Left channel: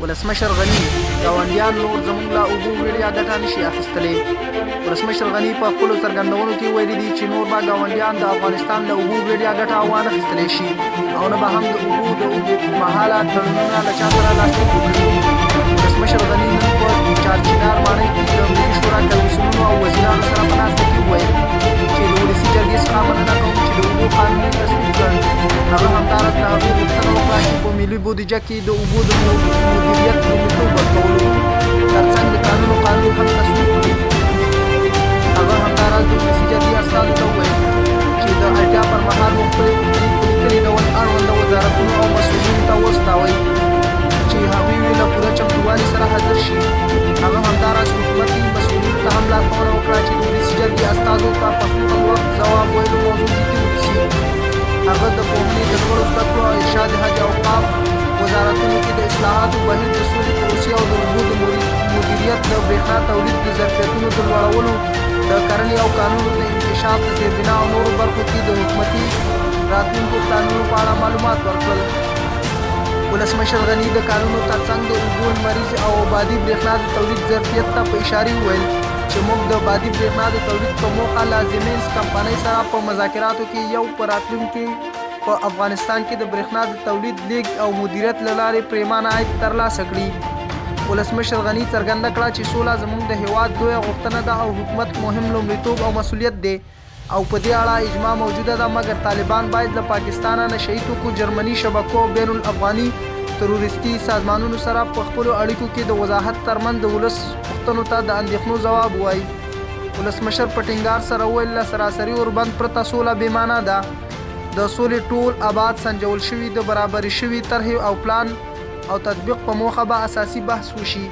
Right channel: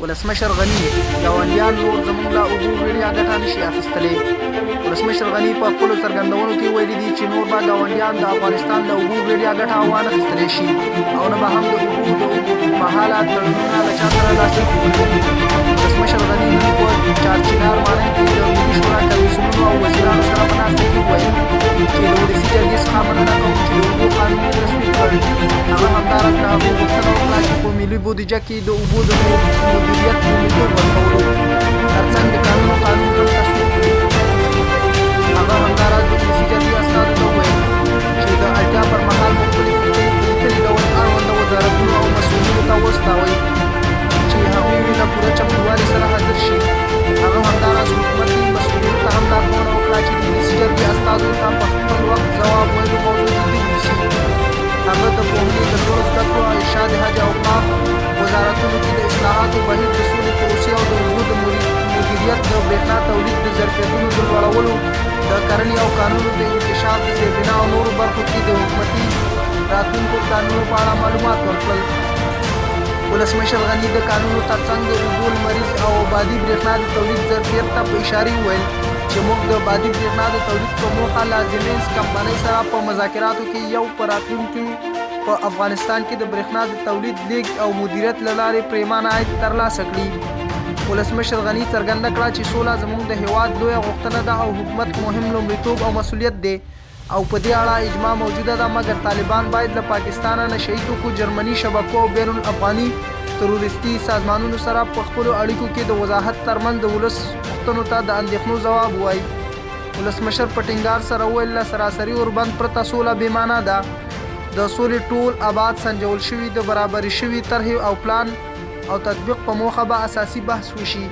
ولسمشر غني ګاونډیان نور زموږ له اوبو وړیا ګټه نشي اخیستلی. ولسمشر غني په خپلو څرګندونو کې ویلي دي چې نور به ګاونډیان د افغانستان له اوبو وړیا ګټه وانه اخیستلی شي او نه به هم د اوبو د اوږدمهاله تړونونه له چا سره لاسلیک وکړي. ولسمشر غني نن په چارچینار ماڼۍ کې د ملي شورا کمیسیونونو او وزیرانو سره په ناسته کې وویل چې د ولسي جرګې څخه مننه کوم چې د اوبو قانون یې تصویب کړ. هغه همداراز له هغوی غوښتنه وکړه چې په ملي بودیجه کې د اوبو د مدیریت لومړیتوب ورکولو ترڅنګ د قانون هم تصویب کړي. هغه همداراز د ولسي جرګې استازو ته وویل چې د اړتیا پر مهال مو خپلې پوښتنې په لیکلي ډول اړونده وزارتونو او مسؤلینو ته واستوئ چې هغوی له پوره چمتووالي سره حاضر شي. هغه همداراز حکومتي مسؤلینو ته هم لارښوونه وکړه چې د ولسي جرګې استازو ته په خپل وخت ځواب ویلو موضوع جدي ونیسي. هغه د پوهنې د لوړو زده کړو او ارشاد حج اوقاف وزارتونو کې د اصلاحاتو بهیر د سولې پروسې او د اوبو د مدیریت د برېښنا تولید د ظرفیتونو د لوړولو د کرنې او کانونو د انکشاف د زیربنا او نورو برخو کې د حکومتي راتلونکو پلانونو په اړه معلومات ورکړل. ولسمشر غني د کانونو ترڅنګ د اوبو لمریز او بادي برېښنا د تولید ظرفیت ته په اشارې وویل چې موږ د بادي برېښنا د تولید په موخه له زیمنس کمپنۍ سره په مذاکراتو کې یو په راتلونکي په افغانستان کې د برېښنا د تولید لیږد او مدیریت له لارې پرېمانه عاید ترلاسه کړي. ولسمشر غني څرګنده کړه چې سوله زموږ د هیواد لویه غوښتنه ده او حکومت مهم لومړیتوب او مسؤلیت دی او په دې اړه اجماع موجوده ده، مګر طالبان باید له پاکستانه نشهیي توکو، جرمني شبکو او بین الافغاني تروریستي سازمانونو سره په خپلو اړیکو کې د وضاحت ترمنځ د ولس پوښتنو ته د اندېښنو ځواب ووایي. ولسمشر په ټینګار سره وویل له سراسري اوربند پرته سوله بېمعنه ده. د سولې ټول ابعاد سنجول شوي، د برابري شوي طرحې او پلان او تطبیق په موخه به اساسي بحث وشي.